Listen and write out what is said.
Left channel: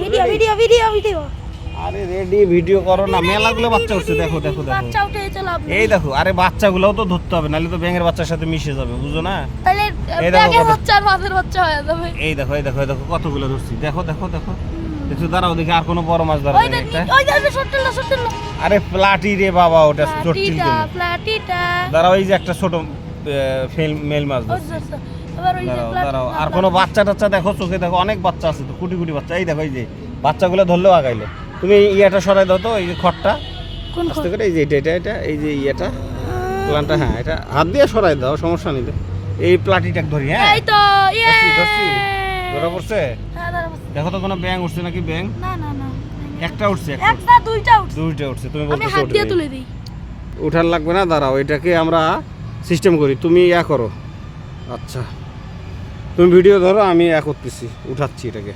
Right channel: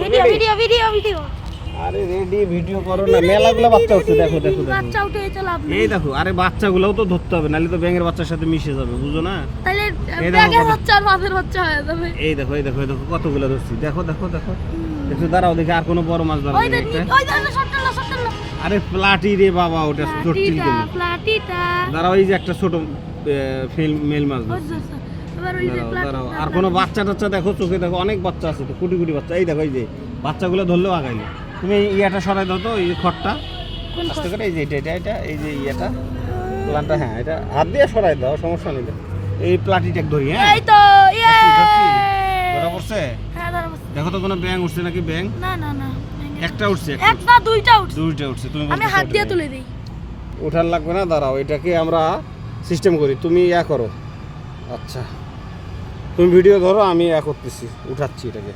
Video আরে ready video করো না, মেলাগুলো বাচ্চা হচ্ছে, দেখো দেখো বাচ্চা উঠে চলো আপনি। এই দেখো, আরে বাচ্চাগুলোও তো ধরতে হবে, নাহলে তো ব্যাঙের বাচ্চার সাথে মিশে যাবে, বুঝো না? তাহলে এই দেখো, ব্যাঙের বাচ্চা আর মাছের বাচ্চা হয়ে যাবে। এই দেখো এই দেখো এই দেখো কতগুলো ধরছি, দেখো দেখো দেখো দেখো, দাঁড়াও দেখি আর কোনো বড় মাছ ধরা ওই নেই একটা। যে ছোট্টলা আরে প্লাটি রে বাবা, ওটা চটচিল দিল। প্লাটিটা দাঁড়াও, এই যে একটা ছোট মেল মাছ ধরছি। আবার ওই যে দাঁড়াও, আর কোনো বাচ্চা টাচ্চা দেখো, চোখে দেখো অনেক বাচ্চা আছে তো, কোটি কোটি বাচ্চা। এই দেখো, এই যে বাচ্চাগুলো ধরলেও আগাইলো। তুমি ইয়াটা সরাই দাও তো, এই যে খড়টা কোন আস্তে করে, এই যে এটা এই যে ইয়াটা প্লানটা, হ্যাঁ এটা হাত দিয়ে সরাই দাও, সমস্যা নেই। এই প্লাটিটা ধরি, হ্যাঁ এই তো ধরছি। ধরা পড়ছে? হ্যাঁ ধরা পড়ছে। দেখো তো কোনো ব্যাঙ উঠছে নাকি? ব্যাঙ না না না একটা উঠছে, একটা দুইটা উঠছে। দুইটা উঠছে। তুমি আমি হাত দিয়ে তুলে দিই। উঠার লাগবে না, দাঁড়াও এটাকে আমরা সিস্টেম করি, তুমি ইয়া করো। আচ্ছা তুমি ভিডিও ধরো, আমি ইয়া করতেছি, উঠাচ্ছি এটাকে।